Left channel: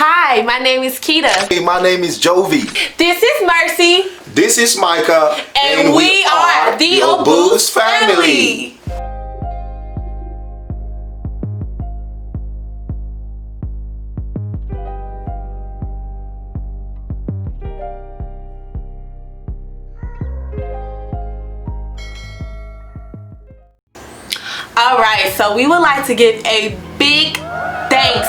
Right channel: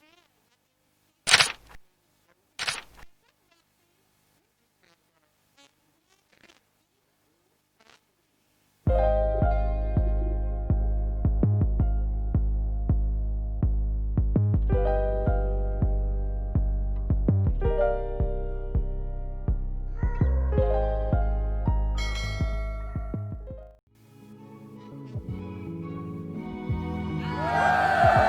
Hi, my name is Keita. Hey, my name is Jovi. This is Mercy. This is Micah. And we are the Obus family. Alright, so we would like to give a big thanks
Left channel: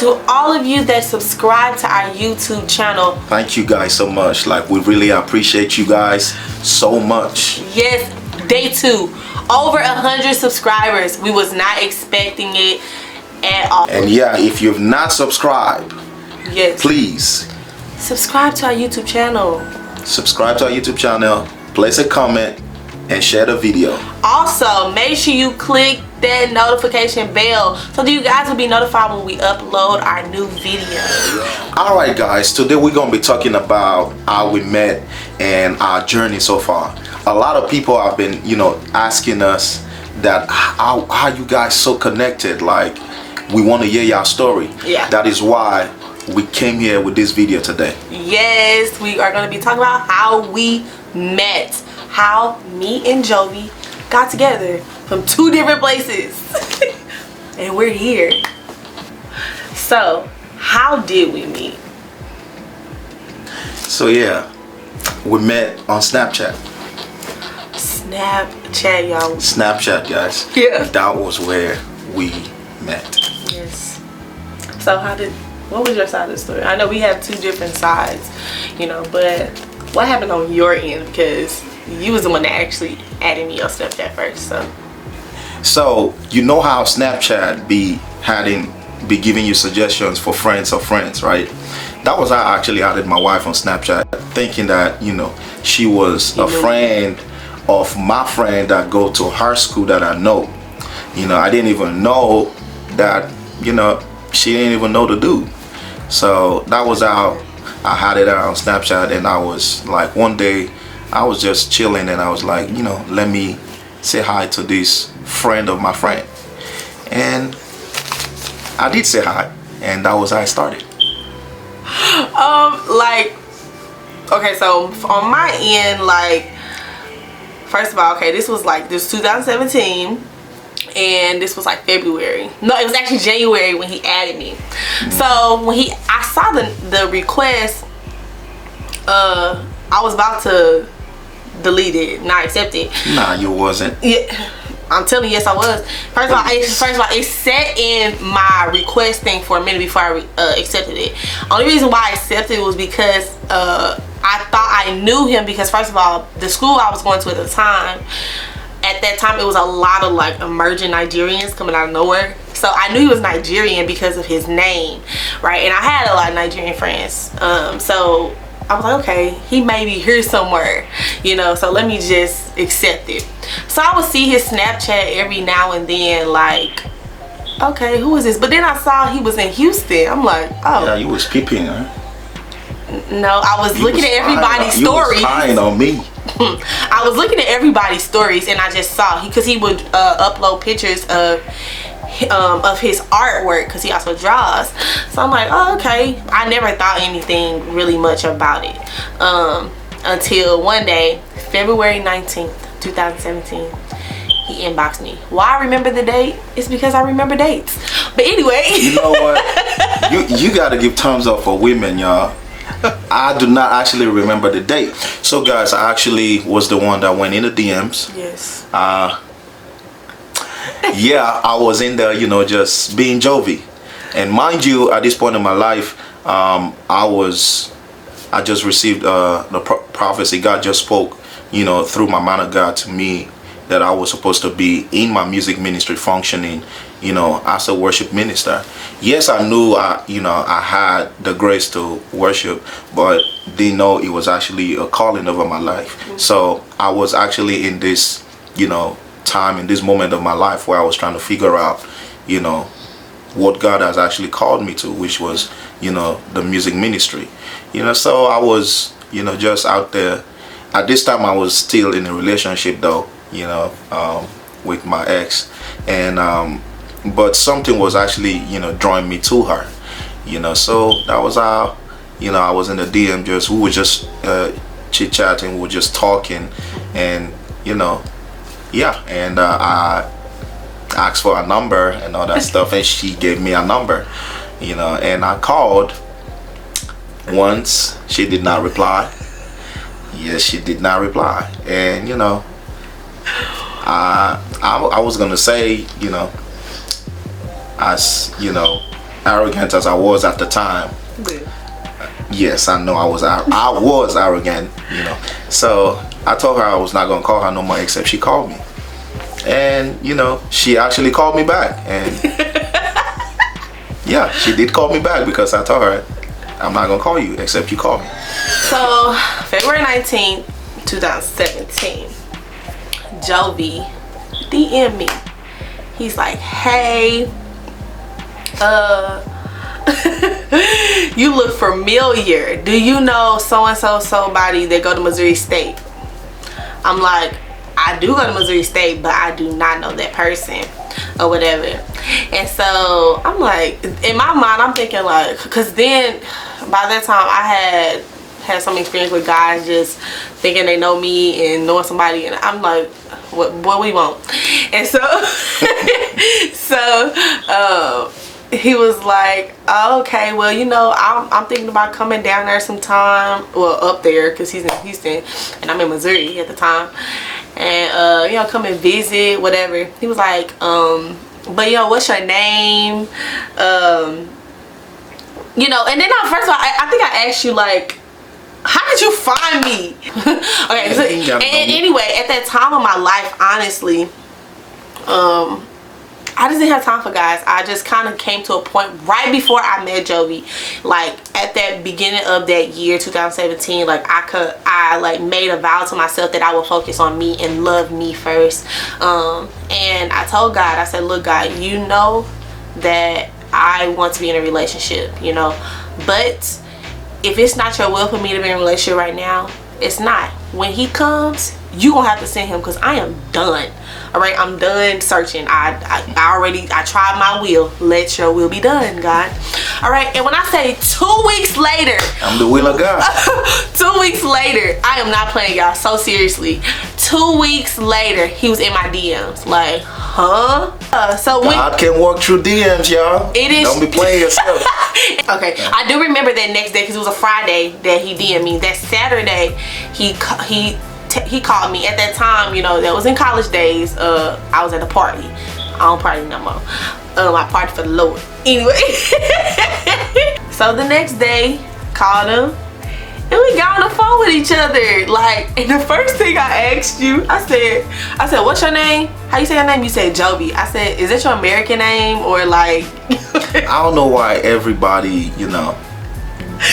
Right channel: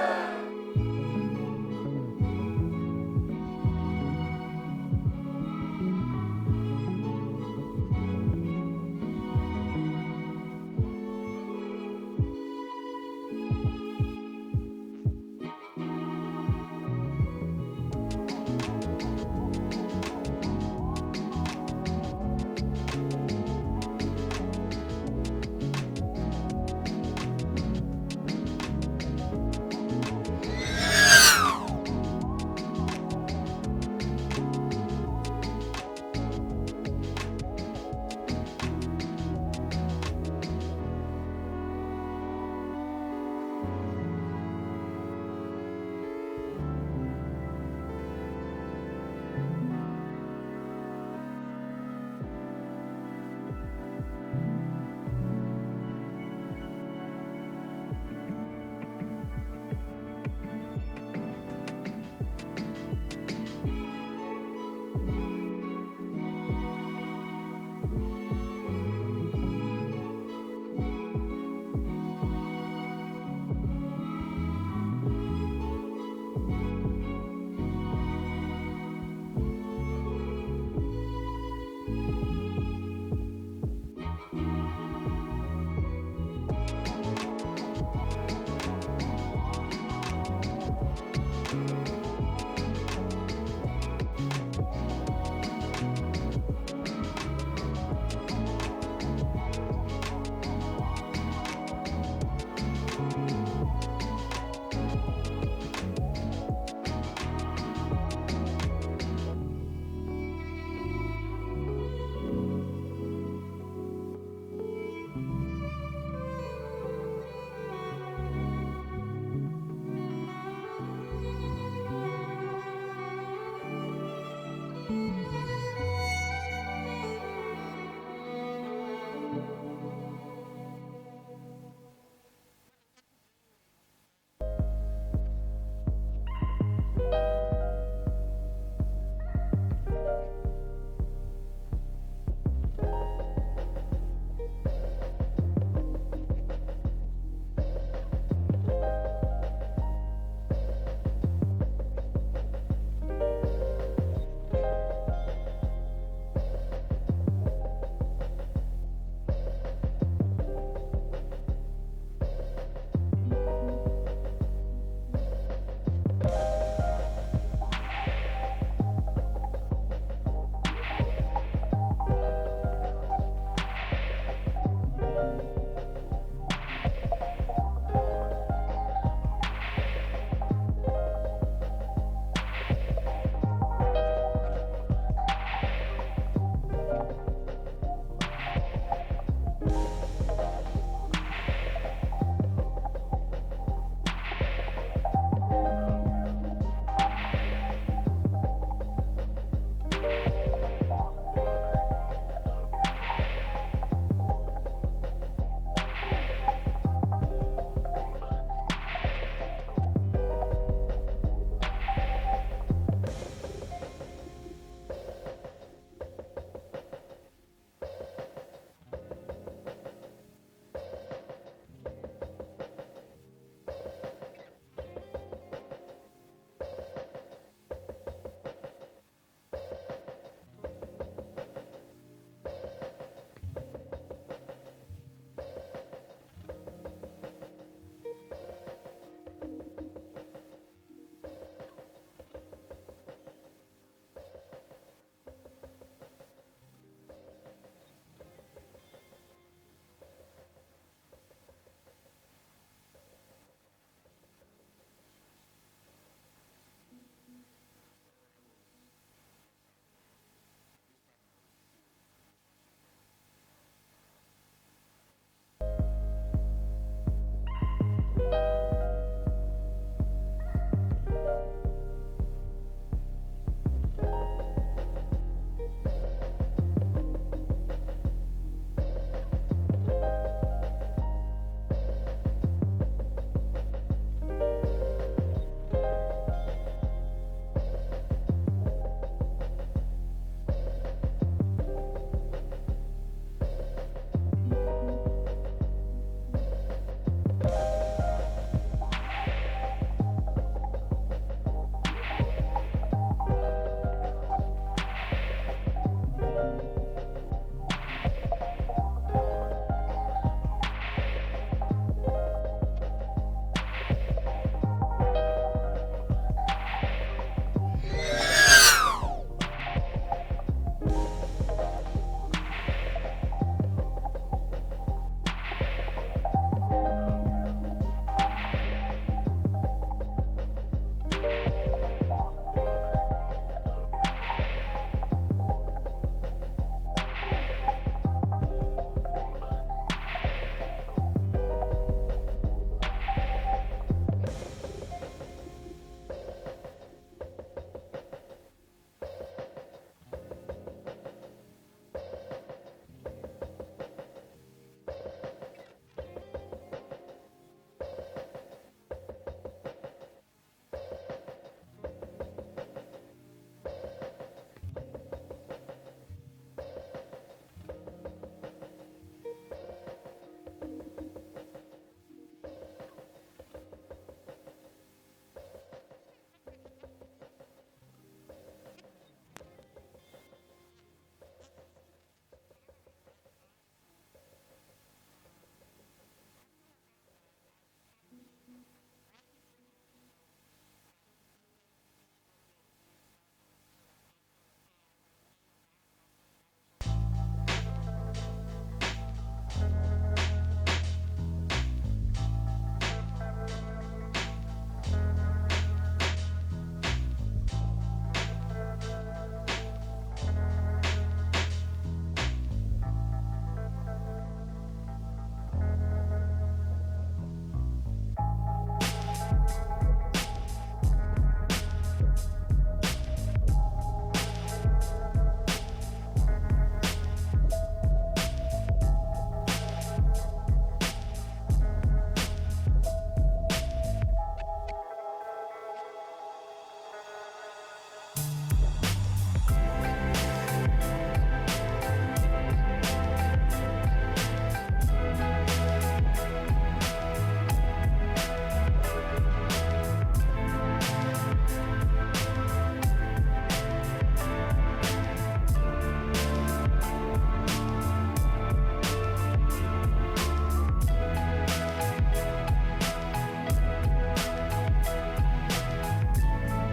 to all of you that subscribe to our YouTube channel. Thank you guys so much. We really appreciate you guys so much. Yes, day 2. Over 100 subscribers. We was not expecting it at all. And yeah, if you've not subscribed, yes, please subscribe to our YouTube channel. Subscribe to our YouTube channel, place a comment, and share the video. Also, make sure you click that notification bell so that you guys will be notified when we upload our new video. Alright guys, today we're going to be talking about how we met and our journey so far. A lot of people have been, asking us that how you guys so connected. We want to hear your story. Yeah. That is why we came here with this video today. Yes, we are going to be talking about how we met. How me and Jovi got together from 2 different places and we're here. So how did we meet? So yeah, we met on Snapchat. Snapchat, y'all. Snapchat, guys. Yeah. That was where we met. Yes. So what was your side of the story? I know we have 2 different sides, but what happened on your end? Because you was the one that actually added me on Snapchat first, So you know how Snapchat be giving you suggestions for friends of friends, right? That was how I actually added my wife on Snapchat, thinking that she was a friend of my friend that go to her school that I know. I didn't even know that she didn't even know the dude. So that was how I had it out on Snapchat, and I was like, one day I was just chilling and I was like, let me say hi to this friend of my friend. And I did say hi, and that was how I started. Okay, so on my end, first of all, okay, this was 2017, and this was February. No, it was actually January when he added me. So when I saw the request, I was about to delete it, not accept it. Nah, you wasn't. Yeah, I'm telling you, yes, I was. First of all, it sat in my request thing for a minute before I accepted it. Only reason why I accepted it was because I thought I knew him, because first of all, the school I was going to at the time, at that time it was a lot of emerging Nigerians coming out of nowhere. So I knew he was Nigerian because of his name, right? And I had a lot of Nigerian friends. So I was like, okay, he may be here somewhere, so let me just accept it. So I would see his Snapchat every now and then, okay, who is this? But then I saw he was in Houston. I'm like, oh. Yeah, you was peeping, huh? No, I was looking at everybody's stories. You was spying on me. I was looking at everybody's stories, and I just saw, because he would upload pictures of his artwork, because he also draws. So I'm like, oh, okay. I never thought anything really much about it until one day, February 19th 2017, he inboxed me. Why I remember the date? It's because I remember dates. But anyway, you know what, you gotta give thumbs up for women, y'all. I do not actually remember the date. So guys, I actually was the one that went in the DMs. Yes. Yeah, I was in there, just being Jovi. And mind you, at this point in my life, I just received the prophecy. God just spoke, through my man of God to me, that I was supposed to be in my music ministry functioning, as a worship minister. Yes, I knew I had the grace to worship, but didn't know it was actually a calling over my life. So I was actually in this, time, in this moment of my life, where I was trying to figure out, what God has actually called me to, which was, the music ministry. So I was, just out there. At this time I was still in a relationship though, with my ex, and but something was actually, drawing me to her. You know, so that was how, you know, I was in the DM. We were just chit chatting, we were just talking, and you know, yeah. And I asked for a number and all that stuff, and she gave me a number, you know, and I called once. She did not reply. Yes, she did not reply. And you know, I was gonna say, you know, as you know, arrogant as I was at the time. Yes, I know I was arrogant, you know. So I told her I was not gonna call her no more, except she called me. And you know, she actually called me back, and yeah, she did call me back, because I told her I'm not gonna call you except you call me. So February 19th, 2017, Jovi DM me. He's like, hey, you look familiar. Do you know so-and-so somebody that go to Missouri State? I'm like, I do go to Missouri State, but I do not know that person or whatever. And so I'm like, in my mind, I'm thinking like, cause then by that time I had some experience with guys just thinking they know me and knowing somebody, and I'm like, what we want? And so he was like, oh, okay, well, you know, I'm thinking about coming down there sometime, well, up there, because he's in Houston and I'm in Missouri at the time, and you know, come and visit, whatever. He was like, but you know, what's your name? You know, and then first of all, I think I asked you like, how did you find me? Okay, so, and anyway, at that time of my life, honestly, I just didn't have time for guys. I just kind of came to a point right before I met Jovi, like at that beginning of that year, 2017, like I like made a vow to myself that I would focus on me and love me first. And I told God, I said, look, God, you know that I want to be in a relationship, you know, but if it's not your will for me to be in a relationship right now, it's not. When he comes, you gonna have to send him, because I am done. All right, I'm done searching. I tried my will. Let your will be done, God. All right, and when I say 2 weeks later, I'm the will of God. 2 weeks later, I am not playing, y'all, so seriously. 2 weeks later, he was in my DMs, like, huh? So God can walk through DMs, y'all. It is. Don't be playing yourself. Okay, I do remember that next day, because it was a Friday that he DM'd me. That Saturday, he called me. At that time, you know, that was in college days. I was at a party. I don't party no more. I party for the Lord. Anyway, so the next day, called him, and we got on the phone with each other. Like, and the first thing I asked you, I said, what's your name? How you say your name? You said Jovi. I said, is that your American name, or like? I don't know why everybody, you know,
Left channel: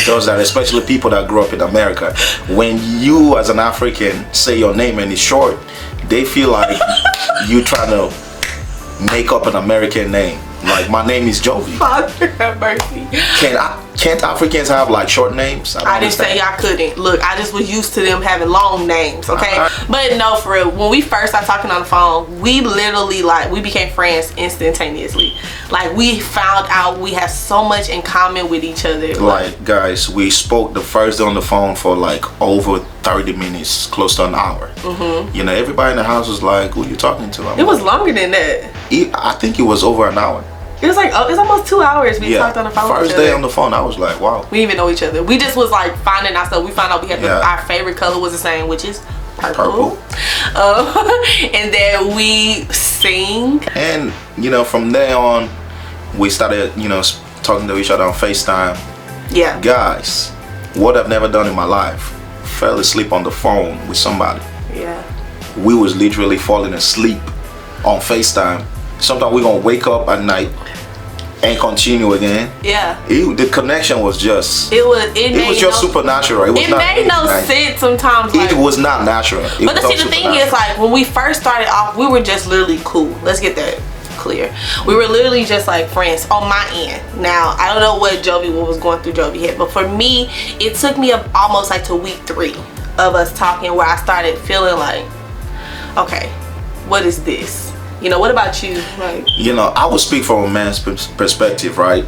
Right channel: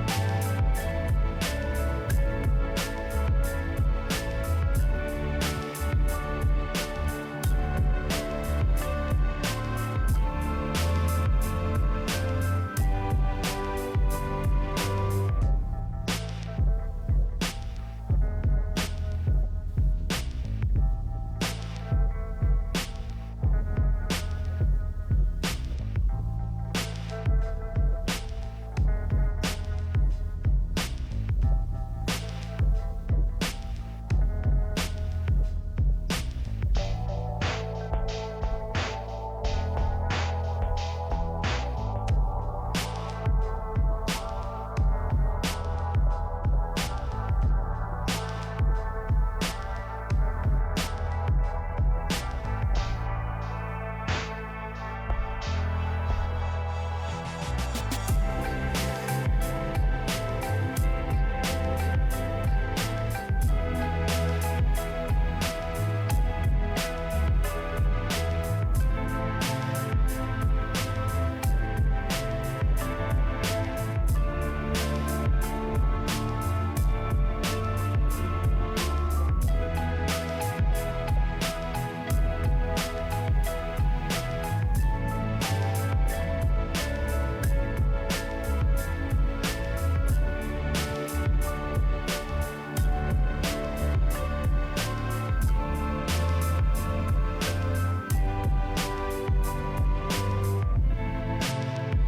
does that, especially people that grew up in America. When you as an African say your name and it's short, they feel like you trying to make up an American name. Like, my name is Jovi. Father have mercy. Can't Africans have like short names? I didn't say I couldn't. Look, I just was used to them having long names, okay? But no, for real, when we first started talking on the phone, we literally, like, we became friends instantaneously. Like, we found out we have so much in common with each other. Like, guys, we spoke the first day on the phone for like over 30 minutes, close to an hour. You know, everybody in the house was like, who are you talking to? It was longer than that. I think it was over an hour. It was like, it's almost 2 hours we talked on the phone. First day on the phone, I was like, wow. We didn't even know each other. We just was like finding ourselves. We found out we had our favorite color was the same, which is purple. And then we sing. And, you know, from there on, we started, you know, talking to each other on FaceTime. Yeah. Guys, what I've never done in my life, fell asleep on the phone with somebody. Yeah. We was literally falling asleep on FaceTime. Sometimes we're gonna wake up at night and continue again. Yeah. The connection was just. It was just supernatural. It made no sense sometimes. Like, it was not natural. But the thing is, like, when we first started off, we were just literally cool. Let's get that clear. We were literally just like friends on my end. Now, I don't know what was going through Jovi head, but for me, it took me almost like to week 3 of us talking, where I started feeling like, okay, what is this? You know, what about you? Like, you know, I will speak from a man's perspective, right?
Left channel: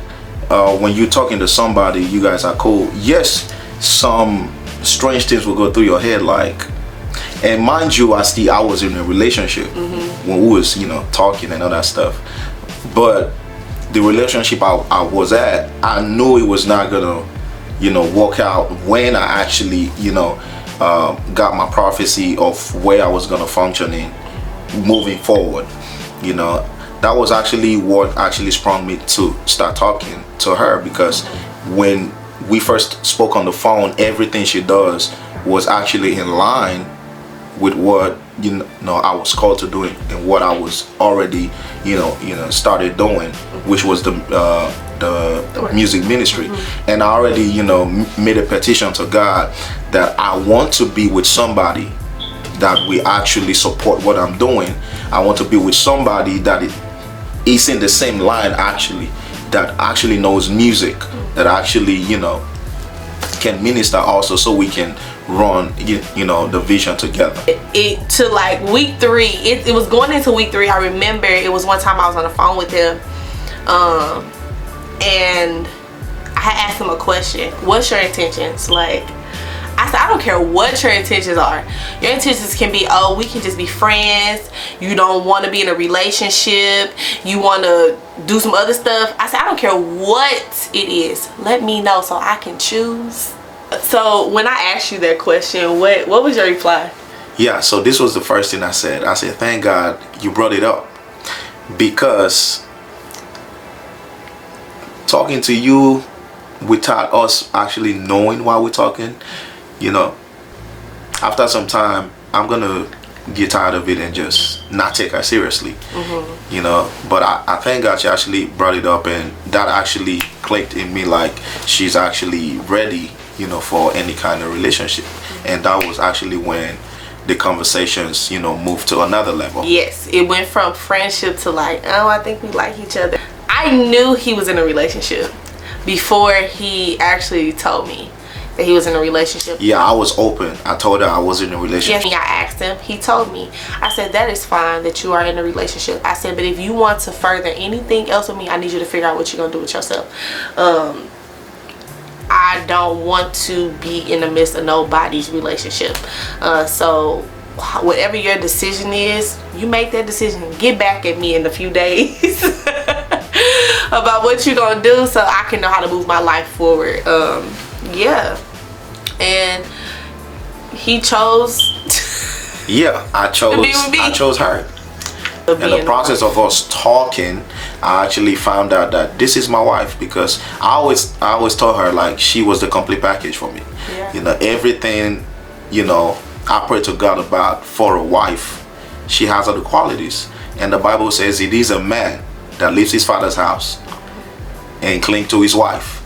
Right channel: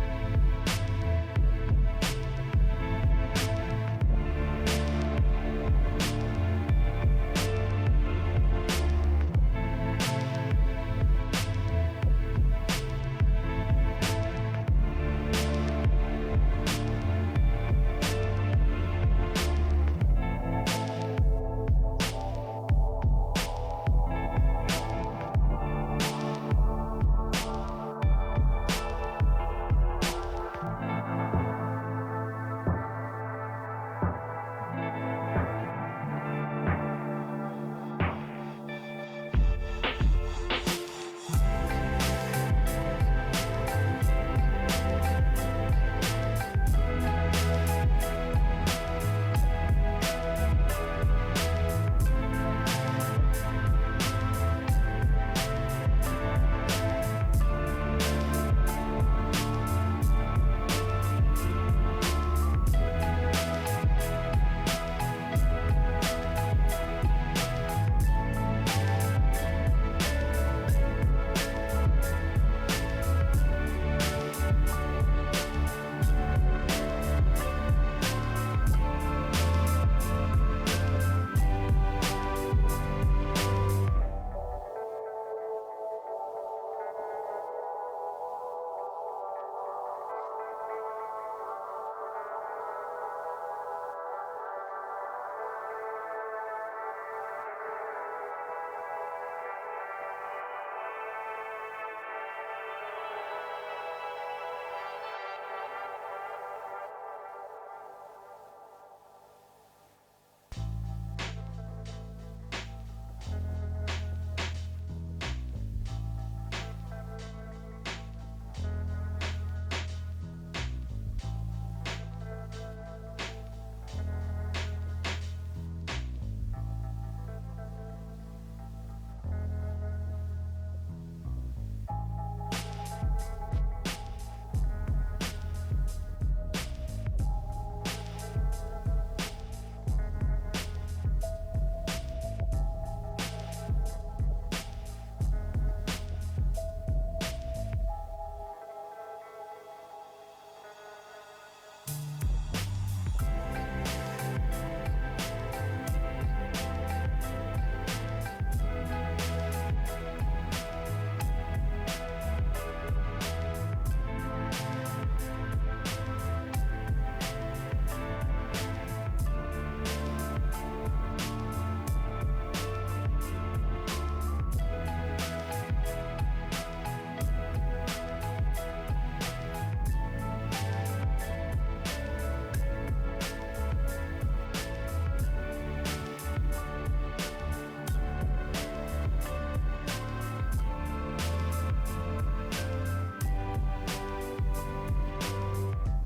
when you're talking to somebody, you guys are cool. Yes, some strange things will go through your head, like, and mind you, I was in a relationship when we was, talking and all that stuff. But the relationship I was at, I knew it was not gonna, work out when I actually, got my prophecy of where I was gonna function in moving forward. That was actually what actually sprung me to start talking to her, because when we first spoke on the phone, everything she does was actually in line with what I was called to do and what I was already started doing, which was the music ministry. And I already made a petition to God that I want to be with somebody that we actually support what I'm doing. I want to be with somebody that is in the same line, actually, that actually knows music, that actually can minister also, so we can run the vision together. To like week 3, it was going into week 3. I remember it was one time I was on the phone with them, and I had asked him a question. What's your intentions? Like, I said, I don't care what your intentions are. Your intentions can be, oh, we can just be friends. You don't want to be in a relationship. You want to do some other stuff. I said, I don't care what it is. Let me know so I can choose. So when I asked you that question, what was your reply? Yeah, so this was the first thing I said. I said, thank God you brought it up, because talking to you without us actually knowing why we're talking, after some time, I'm gonna get tired of it and just not take her seriously. But I thank God she actually brought it up, and that actually clicked in me, like she's actually ready for any kind of relationship. And that was actually when the conversations moved to another level. Yes, it went from friendship to like, oh, I think we like each other. I knew he was in a relationship before he actually told me that he was in a relationship. Yeah, I was open. I told her I was in a relationship. Yeah, I asked him. He told me. I said, that is fine that you are in a relationship. I said, but if you want to further anything else with me, I need you to figure out what you're going to do with yourself. I don't want to be in the midst of nobody's relationship. So whatever your decision is, you make that decision. Get back at me in a few days about what you're going to do, so I can know how to move my life forward. Yeah. And he chose I chose her. In the process of us talking, I actually found out that this is my wife, because I always told her like she was the complete package for me. Everything I pray to God about for a wife, she has all the qualities. And the Bible says it is a man that leaves his father's house and cling to his wife.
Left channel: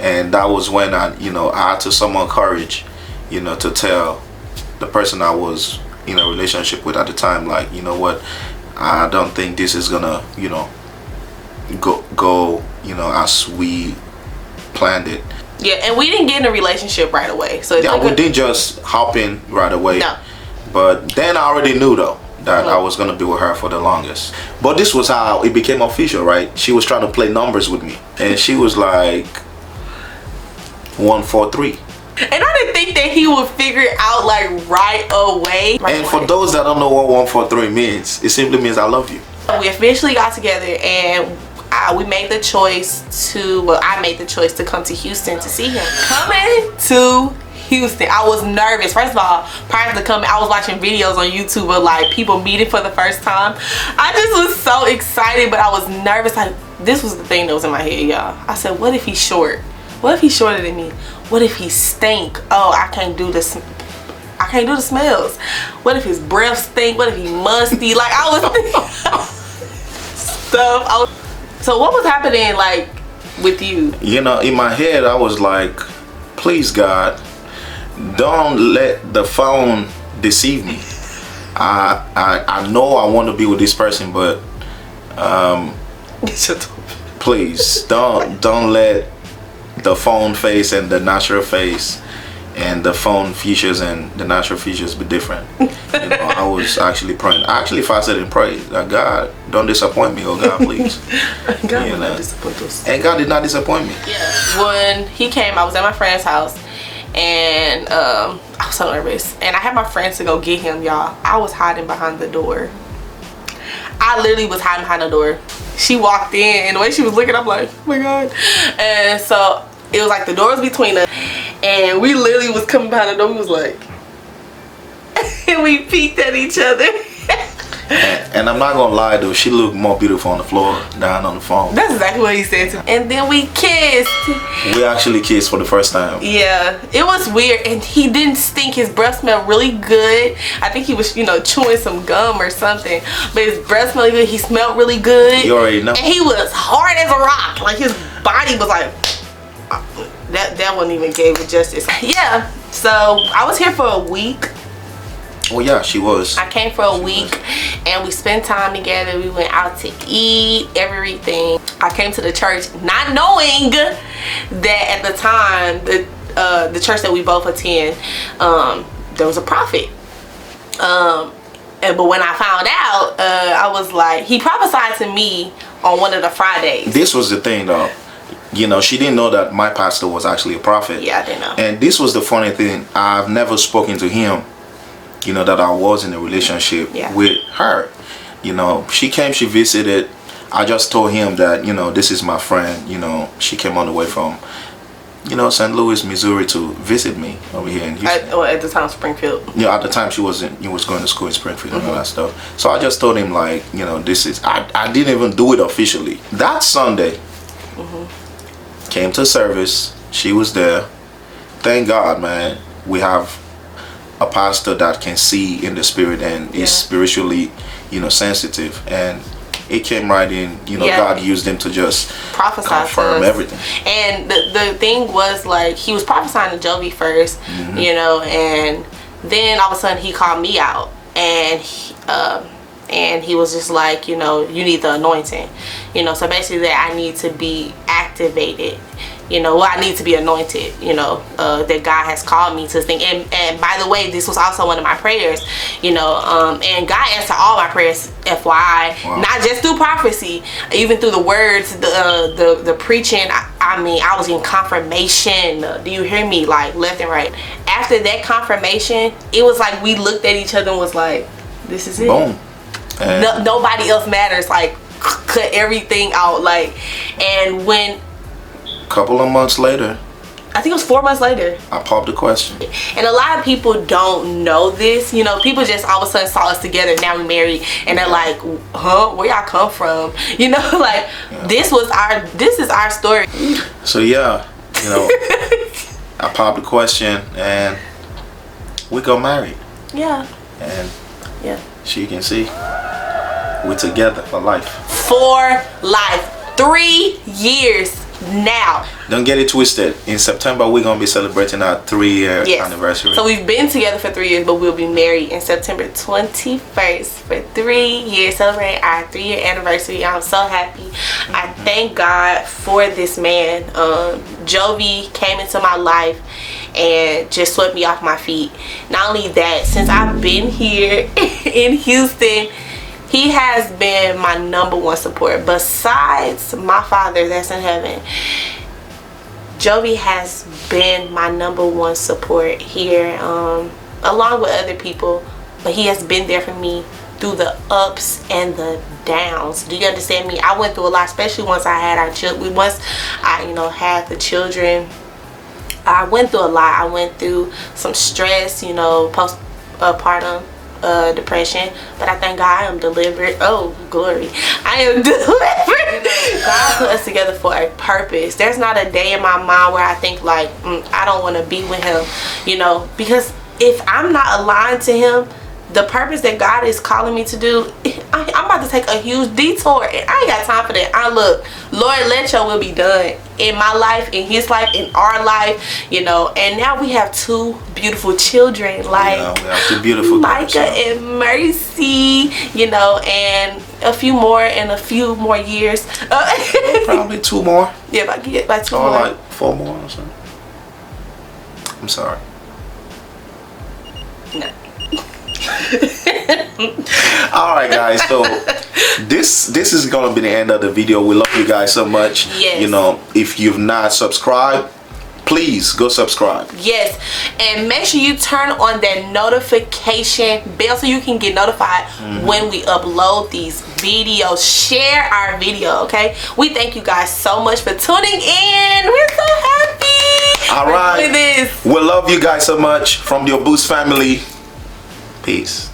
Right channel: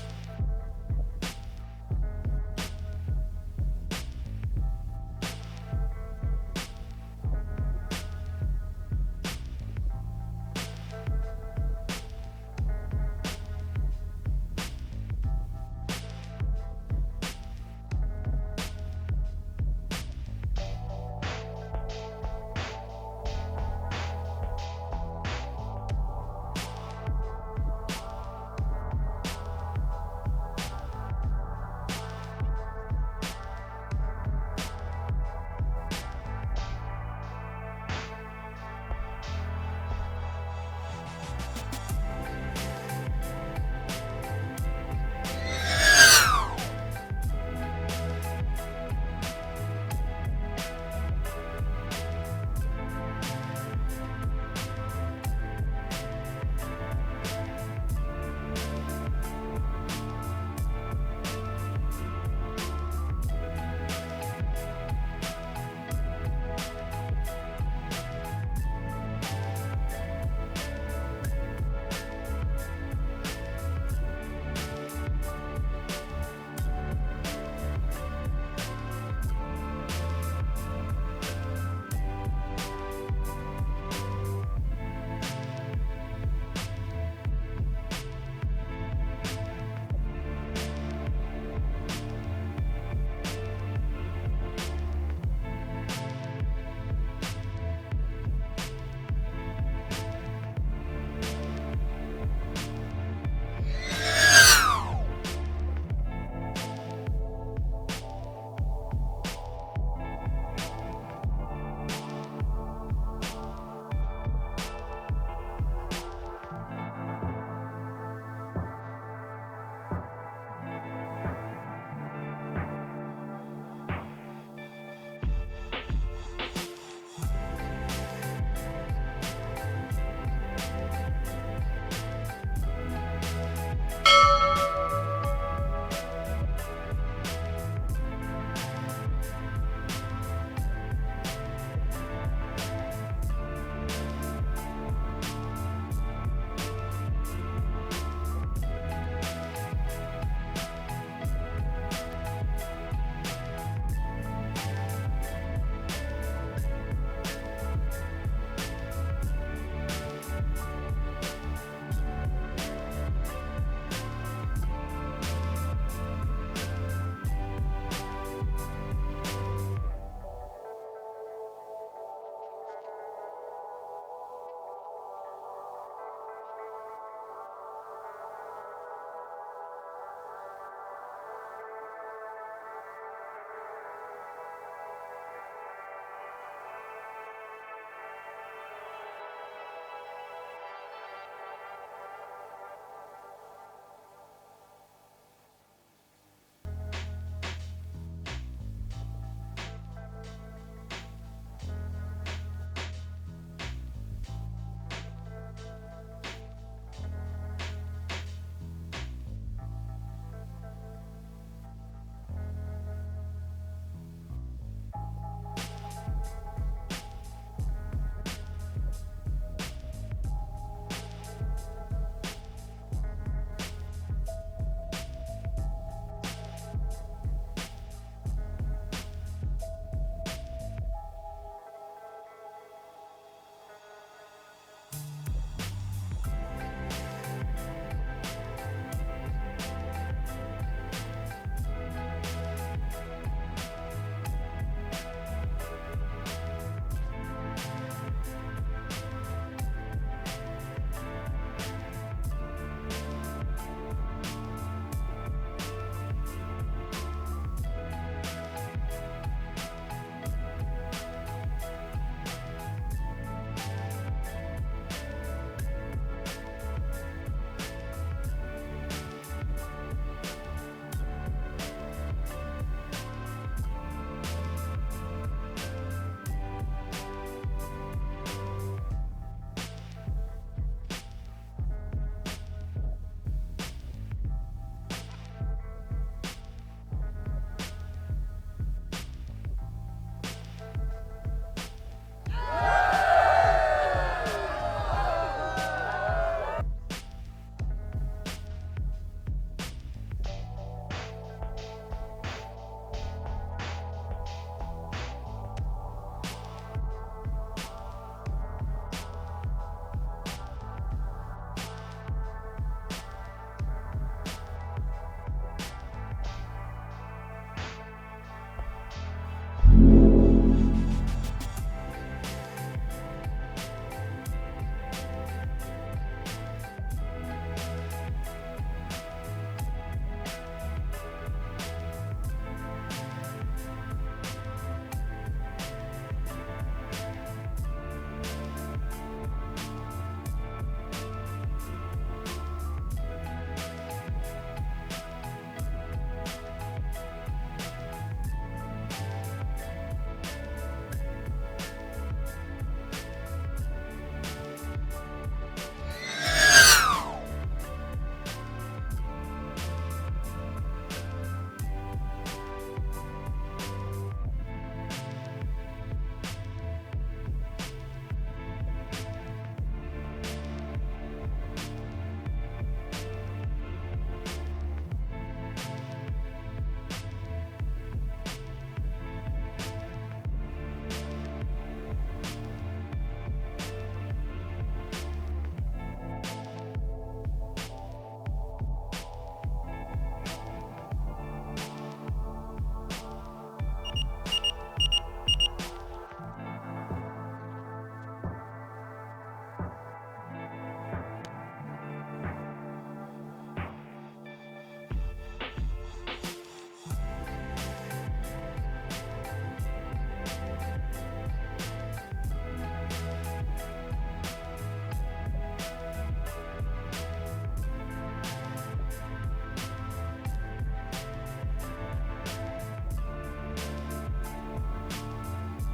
And that was when I had to summon courage, to tell the person I was in a relationship with at the time, like, you know what, I don't think this is gonna, go as we planned it. Yeah, and we didn't get in a relationship right away. So yeah, we didn't just hop in right away. No. But then I already knew though that I was gonna be with her for the longest. But this was how it became official, right? She was trying to play numbers with me, and she was like 143. And I didn't think that he would figure it out like right away. And for those that don't know what 143 means, it simply means I love you. We eventually got together, and we made the choice I made the choice to come to Houston to see him. Coming to Houston, I was nervous. First of all, prior to coming, I was watching videos on YouTube of like people meeting for the first time. I just was so excited, but I was nervous. Like, this was the thing that was in my head, y'all. I said, what if he's short? What if he's shorter than me? What if he stink? Oh, I can't do this. I can't do the smells. What if his breath stink? What if he musty? Like, I was thinking stuff. So what was happening like with you? In my head, I was like, please God, don't let the phone deceive me. I know I want to be with this person, but please don't let the phone face and the natural face and the phone features and the natural features be different. I was actually praying. I actually fasted and prayed that God, don't disappoint me, oh God, please. God did not disappoint us. And God did not disappoint me. When he came, I was at my friend's house, and I was so nervous. And I had my friends to go get him, y'all. I was hiding behind the door. I literally was hiding behind the door. She walked in, and the way she was looking, I'm like, oh my God. And so it was like the door was between us, and we literally was coming behind the door. We was like, and we peeked at each other. And I'm not gonna lie though, she looked more beautiful on the floor than on the phone. That's exactly what he said to me. And then we kissed. We actually kissed for the first time. Yeah, it was weird, and he didn't stink. His breath smelled really good. I think he was, you know, chewing some gum or something, but his breath smelled good. He smelled really good. You already know. And he was hard as a rock. Like his body was like, that wouldn't even give it justice. Yeah, so I was here for a week. Oh yeah, she was. I came for a week, and we spent time together. We went out to eat, everything. I came to the church not knowing that at the time, the church that we both attend, there was a prophet. But when I found out, I was like, he prophesied to me on one of the Fridays. This was the thing though. You know, she didn't know that my pastor was actually a prophet. Yeah, I didn't know. And this was the funny thing. I've never spoken to him, you know, that I was in a relationship with her. You know, she came, she visited. I just told him that, you know, this is my friend. You know, she came all the way from, you know, St. Louis, Missouri to visit me over here in Houston. At the time, Springfield. Yeah, at the time she was going to school in Springfield and all that stuff. So I just told him, like, you know, this is, I didn't even do it officially. That Sunday, came to service, she was there. Thank God, man, we have a pastor that can see in the spirit and is spiritually, you know, sensitive, and it came right in, you know. God used him to just prophesy, confirm everything. And the thing was, like, he was prophesying to Jovi first, you know, and then all of a sudden he called me out, and he was just like, you know, you need the anointing, you know, so basically that I need to be activated, you know, I need to be anointed, you know, that God has called me to think. And by the way, this was also one of my prayers, you know, and God answered all my prayers, FYI. Wow. Not just through prophecy, even through the words, the preaching. I mean, I was in confirmation. Do you hear me? Like, left and right. After that confirmation, it was like we looked at each other and was like, this is it. Boom. Nobody else matters. Like, cut everything out. Like, and when couple of months later, I think it was 4 months later, I popped the question. And a lot of people don't know this, you know. People just all of a sudden saw us together, now we married, and they're like, huh, where y'all come from? You know, like, this is our story. So yeah, you know, I popped the question and we got married. Yeah. And so you can see, we're together for life. For life. 3 years now. Don't get it twisted. In September, we're going to be celebrating our 3-year anniversary. So we've been together for 3 years, but we'll be married in September 21st for 3 years, celebrating our 3-year anniversary. I'm so happy. I thank God for this man. Jovi came into my life and just swept me off my feet. Not only that, since I've been here in Houston, he has been my #1 support. Besides my Father that's in heaven, Jovi has been my #1 support here, along with other people. But he has been there for me through the ups and the downs. Do you understand me? I went through a lot, especially once I had our children. Once I, you know, had the children, I went through a lot. I went through some stress, you know, postpartum depression, but I thank God I am delivered. Oh, glory. I am delivered. God put us together for a purpose. There's not a day in my mind where I think like, I don't want to be with him, you know, because if I'm not aligned to him, the purpose that God is calling me to do, I'm about to take a huge detour, and I ain't got time for that. Look, Lord, let your will be done in my life, in his life, in our life, you know. And now we have 2 beautiful children, like we have 2 beautiful Micah and Mercy, you know, and a few more in a few more years. Probably 2 more. Yeah, by 2 or more. like 4 more or something. I'm sorry. No. All right, guys, so this is gonna be the end of the video. We love you guys so much. Yes. You know, if you've not subscribed, please go subscribe. Yes, and make sure you turn on that notification bell so you can get notified when we upload these videos. Share our video, okay? We thank you guys so much for tuning in. We're so happy. All right, this. we love you guys so much from the Obus family. Peace.